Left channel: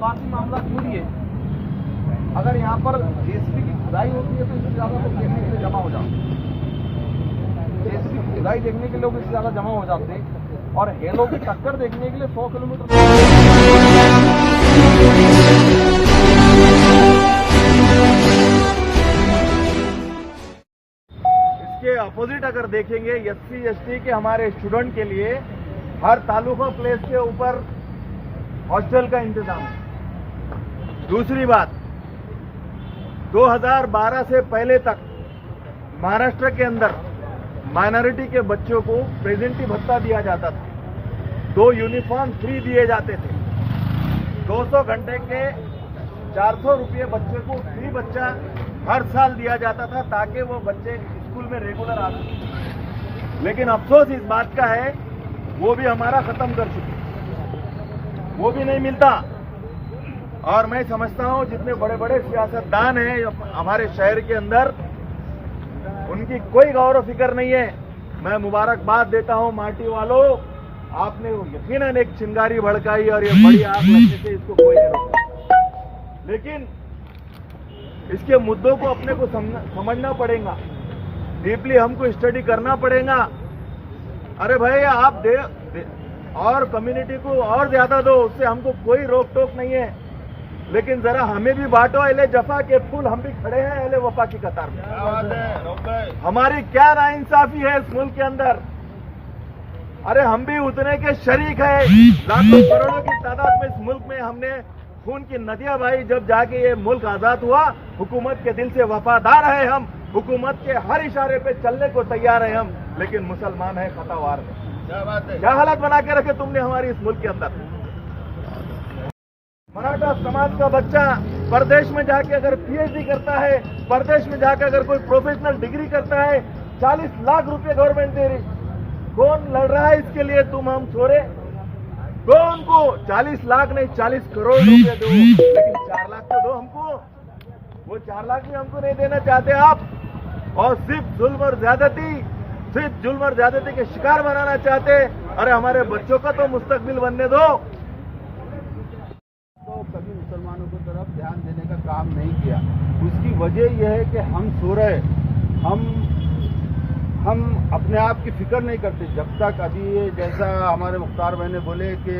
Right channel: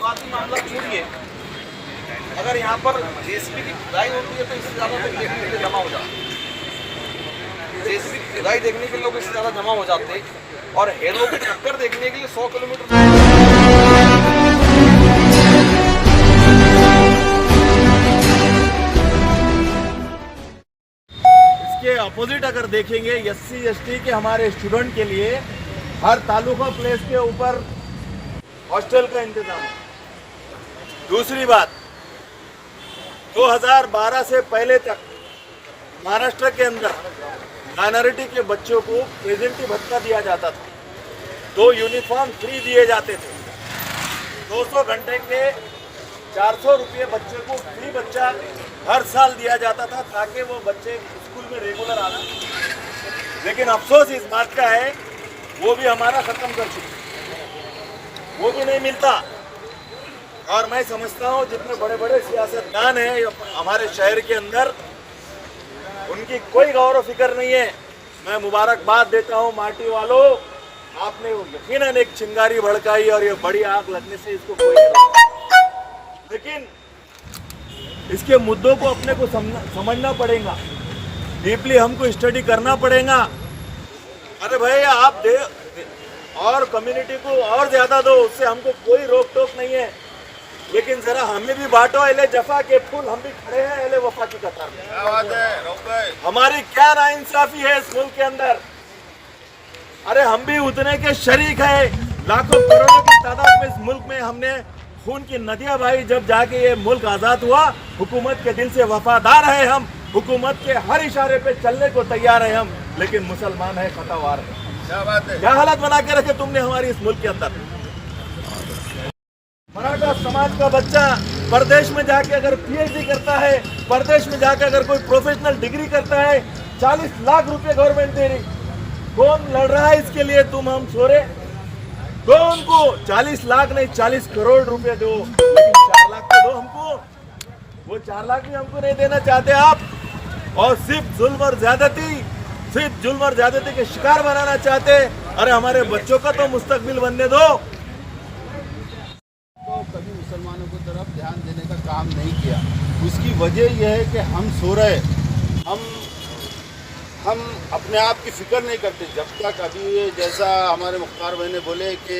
जज्बाती मामला छोड़िए, अगर यहाँ पर जेसीबी की खुदाई होती है तो इससे ज़्यादा लोग देखने के लिए जमा हो जाते। जेसीबी की खुदाई देखने के लिए लोग इससे ज़्यादा जमा हो जाते और हेलो की टक्कर देखने के लिए 100 किलोमीटर। इसके अपोजिट अगर देखेंगे SC ST के हमारे स्टूडेंट के लिए हर तालुका प्लेस के ऊपर हॉस्टल का इंतजाम है। दूसरी बात, 2012 से पहले तक महाराष्ट्र के अंदर माइनॉरिटी के बच्चों को प्रेजेंटी भत्ता दिया जाता था, 2 यूनिफॉर्म फ्री दिए जाते थे, 200 घंटे के 400 रुपये बच्चे को फ्री बच्चा हर साल दिया जाता था ताकि वो बच्चे स्कूल में रेगुलर आ सकें। लेकिन अफसोस इस बात का है वो भी हमारा ख़त्म कर चुके, वो भी नहीं मिलता। और मैं समझता हूँ जितने बड़े बड़े सियासतदान हैं हमारे शहर के अंदर, उनकी कोई गौर फिक्र नहीं है। मैं मुबारकबाद देता हूँ माटी वालों, आपने यकीनन एक चिंगारी भड़काई और ये बड़ी आग लगने से इसको कोई नहीं रोका। लेकिन इसके मुद्दों को अपने को समझना पड़ेगा, डीपली हमको स्टडी करना पड़ेगा। अरे भाई आप दे और कम्युनिटी को और ज्यादा दो, उससे हमको कोई रोक टोक नहीं है, लेकिन जरा हमें भी बांटो। अहले जफा के फूल हम भी खड़े हैं अहले वफा की कतार में। क्या बात है, हमारी क्या नाइंसाफी है इस मुल्क के अंदर। अरे हम भी उतने के शरीक है, लाखों करोड़ों की तादाद में इस मुल्क में हमने खून की नदियां बहाई। जब जाके ये मुल्क आजाद हुआ, हुकूमत के दिल से वफादार है हम, हुकूमत के हर इशारे पे चलने को तैयार है हम, लेकिन मुसलमान है खतावार है। क्या बात है, क्या हालत बना के रखे तुमने हमारी इस मुल्क के अंदर। मराठा समाज का बच्चा परदेश में जाके अगर PhD करता है, परदेश में जाके अगर कोई प्रोफेशनल डिग्री करता है, 40 लाख रुपए गवर्नमेंट दे रही। कौन लड़ रहा है इसके लिए, तुम हम सोरे? दो उनको 40 लाख नहीं 40 करोड़ रुपए दो, लेकिन 4 लाख तो दो हमको। वो 4 लाख भी हमको नहीं देना चाहते आप, और सिर्फ जुल्म और ज्यादती के शिकार बनाना चाहते। अरे हमारे बच्चों का तो मुस्तकबिल बनने दो। तो कभी मुसलमानों की तरफ ध्यान देने का काम नहीं किया। उसकी वजह यह है कि हम सो रहे, हम अपने आप की फिक्र नहीं करते। जब तक अभी जैसा हमारे मुख्तार भाई ने बोले कि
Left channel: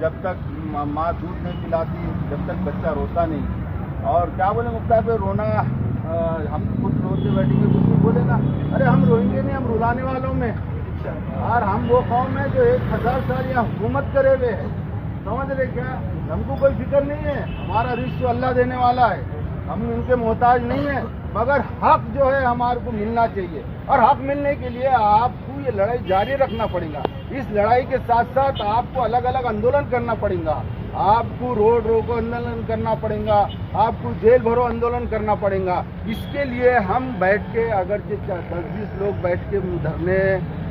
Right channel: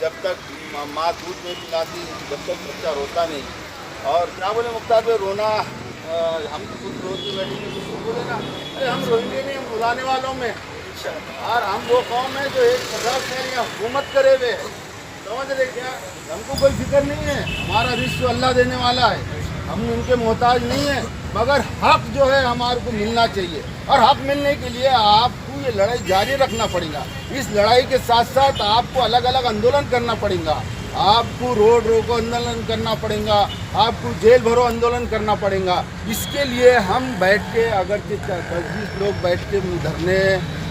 जब तक माँ दूध नहीं पिलाती जब तक बच्चा रोता नहीं। और क्या बोले मुख्तार भाई, रोना हम खुद रोते बैठेंगे तो बोले ना, अरे हम रोएंगे नहीं, हम रुलाने वालों में। और हम वो कौम है जो 1000 साल यहाँ हुकूमत करे हुए, समझ रहे क्या? हमको कोई फिक्र नहीं है, हमारा रिस्क अल्लाह देने वाला है, हम इनके मोहताज नहीं है। मगर हक जो है हमारे को मिलना चाहिए, और हक मिलने के लिए आपको ये लड़ाई जारी रखना पड़ेगा। इस लड़ाई के साथ साथ आपको अलग अलग आंदोलन करना पड़ेगा, आपको रोड रोको आंदोलन करना पड़ेगा, आपको जेल भरो आंदोलन करना पड़ेगा। इसके लिए हम बैठ के अगर 10-20 लोग बैठ के धरने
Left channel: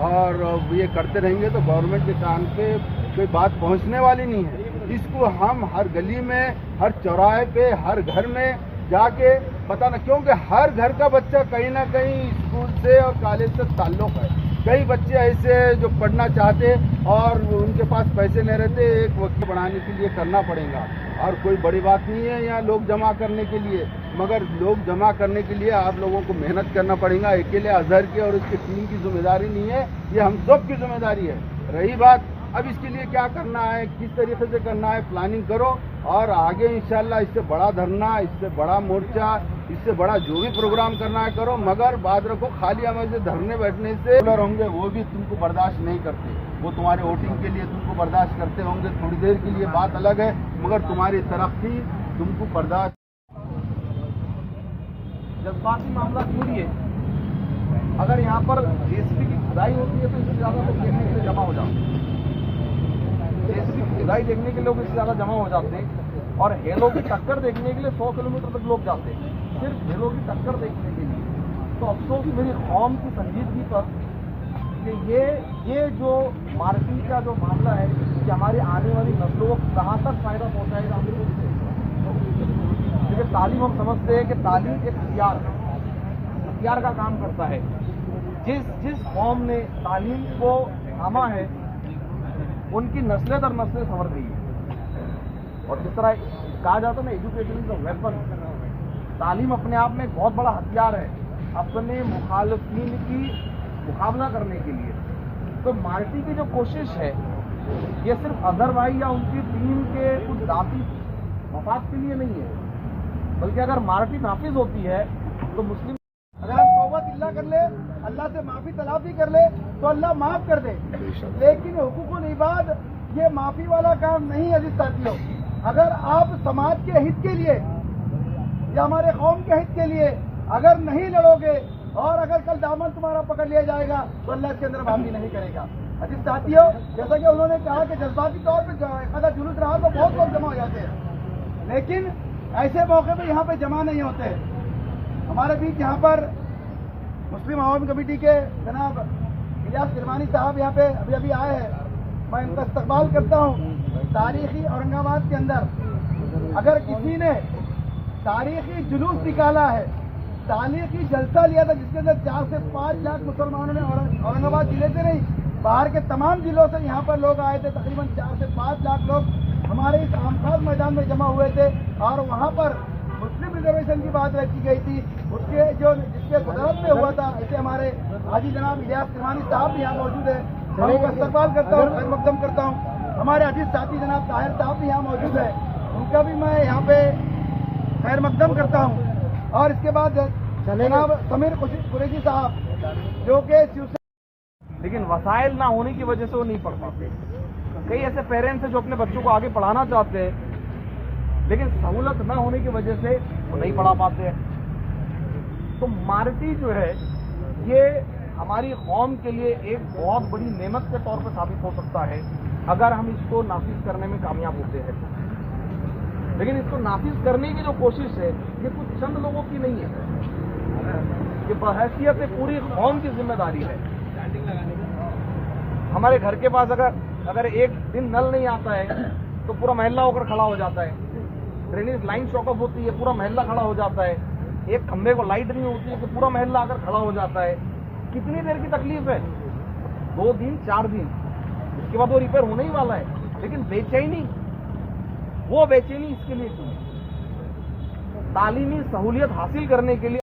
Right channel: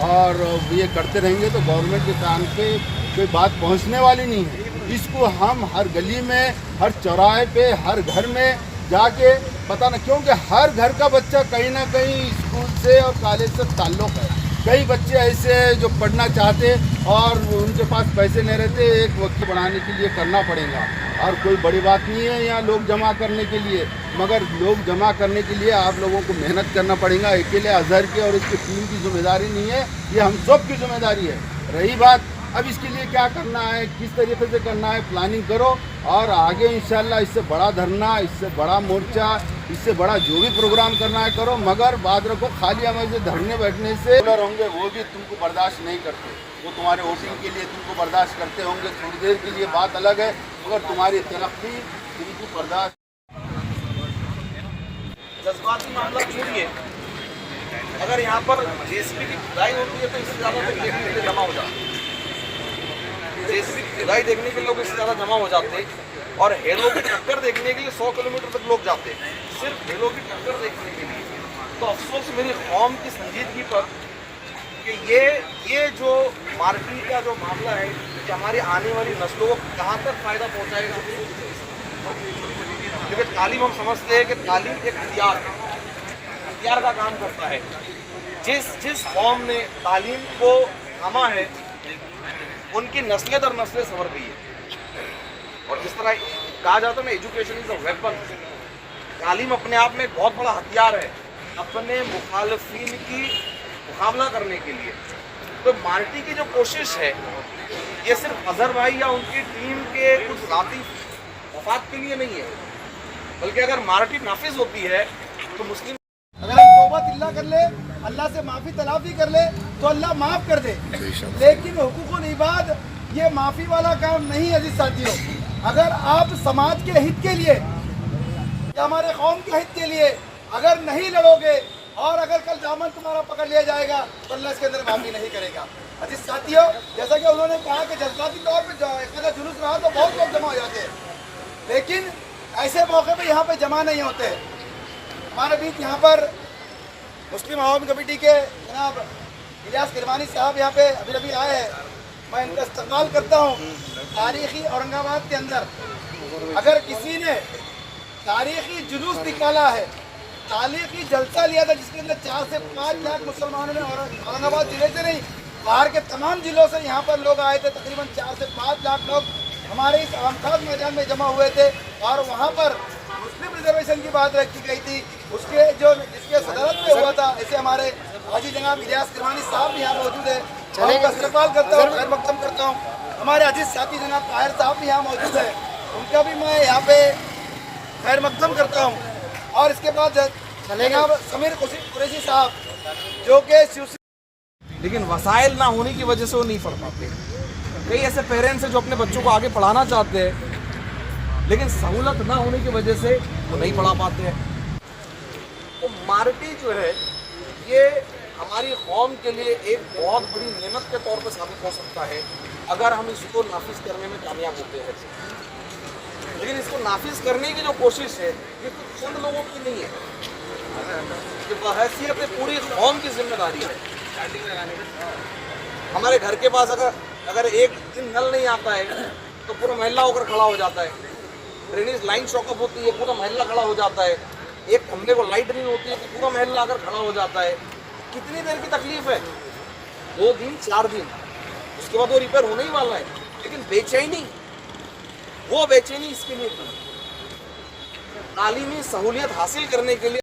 और ये करते रहेंगे तो गवर्नमेंट के कान पे कोई बात पहुंचने वाली नहीं है। इसको हम हर गली में, हर चौराहे पे, हर घर में जाके बताना, क्योंकि हर घर का बच्चा कहीं ना कहीं स्कूल से और कॉलेज से ताल्लुक़ है। कई बच्चे ऐसे जो पढ़ना चाहते और उनके पास पैसे नहीं रहते, एक वक्त बनाने के लिए करना पड़ेगा। और कोई बड़ी बात नहीं है यहाँ लोग जमा करने के लिए, मगर लोग जमा करने के लिए आप लोगों को मेहनत करना पड़ेगा। अकेले अजहर की और इसकी टीम की जिम्मेदारी नहीं है, ये हम सब की जिम्मेदारी है। रही बात अब इसके लिए क्या करना है, किस तरीके से करना है, प्लानिंग करो और आगे इंशाल्लाह इससे बड़ा धरना, इससे बड़ा मोर्चा, इससे बड़ा जो भी प्रोग्राम करना है करो। मगर बात रखो, खाली हमें से धरने बैठने से होंगे वो भी तुमको बर्दाश्त नहीं करते। वो तुम्हारे वोटिंग के लिए तुमको बर्दाश्त करते होंगे थोड़ी देर के लिए, बात अलग है, मगर तुम्हारी तरक्की तुमको बर्दाश्त। जज्बाती मामला छोड़िए, अगर यहाँ पर जेसीबी की खुदाई होती है तो इससे ज़्यादा लोग देखने के लिए जमा हो जाते। जेसीबी की खुदाई देखने के लिए लोग इससे ज़्यादा जमा हो जाते और हेलो की टक्कर देखने के लिए 100 किलोमीटर तक लोग जाते हैं, सिर्फ हेलो की टक्कर देखने के लिए। तो अफसोस मेरी कौम की संजीदगी पर कि ये जो मारपीट का जो मामला है कि हमारी आने वाली नस्लों को कहाँ तक फ़ायदा पहुँचाएगा। क्योंकि तालीम हम समझते हैं कि तालीम एक हथियार का काम करता है। जिस कौम ने तालीम को थामा है उनकी नस्लें दर नस्लें संवर गई है। और जिस तरह कहा जाता है ना, एजुकेशन इज अ वेपन, तालीम अपने आप में एक बहुत बड़ा हथियार है अपने मुखालफिन की मुकाबला करने के लिए। तो मार्टी की जो कोशिश है ये सिर्फ अजहर भाई या उनकी टीम के कुछ ज़ाती मफाद के लिए नहीं है, बल्कि अगर मार्टी नाफिज होती है तो मुस्लिम अगर हम तौबा तिल्ला कर ले, अल्लाह से माफ़ी तलाफी कर ले तो अल्लाह माफ़ कर दे। लेकिन हुकूकुल इबाद ये माफ़ी वाला काम नहीं है। अजीज साथियों, अगर आप समाज के हित के लिए या हमारे कौम के हित के लिए अगर नहीं लड़ोगे और अगर कल दामन तुम्हारा पकड़ लिया जाएगा तो अल्लाह इसके अंदर माफ़ी नहीं करेगा। अजीज साथियों, जैसा कि उन्होंने कहा कि जज्बाती तौर पर एक आधा जुलूस रहा तो बहुत लोग जमा हो जाते हैं, लेकिन ऐसे मौके पे यहाँ पे जमा नहीं होते। हमारे बीच यहाँ पर मुस्लिम आवाम कमेटी के जनाब इलियास किरमानी साहब यहाँ पे अभी अभी आए हैं, मैं इनका इस्तकबाल करता हूँ। तारीख़ी औरंगाबाद के अंदर अगर किसी ने तारीख़ी जुलूस निकाला है, तारीख़ी जलसा लिया था जिसके अंदर 4 से 5 लाख मुसलमानों ने औरंगाबाद ज़िले से नहीं बाहर के तमाम ज़िलों से यहाँ पर लोग आए थे, तकरीबन 4 से 5 लाख लोग हमारे इस आमखास मैदान में जमा हुए थे और वहाँ पर मुस्लिम रिजर्वेशन की बात रखी गई थी। उसके जो जिसके सदारत में हुआ था, ऐसे हमारे हाजी जनाब इलियास किरमानी साहब भी यहाँ मौजूद है, मैं उनका इस्तकबाल करता हूँ, खैर मकदम करता हूँ। हमारे अजीज साथी जनाब ताहिर साहब भी यहाँ मौजूद है, उनका भी मैं यहाँ पे खैर मकदम करता हूँ। और इसके बाद जनाब समीर कुरैशी साहब जो कि शिवसेना, लेकिन वसाइल ना होने की वजह से वो नहीं पढ़ पाते। कई ऐसे पेरेंट्स हैं जो अपने बच्चों को आगे पढ़ाना चाहते हैं, लेकिन सहूलत ना होने की वजह से तो नहीं पढ़ा पाते हैं। तो मार्टी जो है ये हमारी कौम के लिए एक बहुत बड़ी नेमत के तौर पर साबित हो सकता है अगर हम इसको नाफिज करने में कामयाब होते हैं। लेकिन इसको नाफिज करने की जो कोशिश है ये कुछ चंद लोगों की नहीं है, ये बहैसियत पूरी कौम की जिम्मेदारी है। हमारे घर के पास अगर एक दिन नल नहीं आता है तो पूरा मोहल्ला होकर खड़ा हो जाता है, ड्रेनेज लाइन शॉकअप होती है पूरा मोहल्ला खड़ा हो जाता है, एक खंभे को लाइट नहीं होती है तो पूरा मोहल्ला आकर खड़ा हो जाता है। कितनी देर की तकलीफ है? 2 दिन 4 दिन, उसके बाद वो रिपेयर होने ही वाला है। लेकिन बेचैनी, वो बेचैनी इसके लिए तालीमी सहूलियत हासिल करने के लिए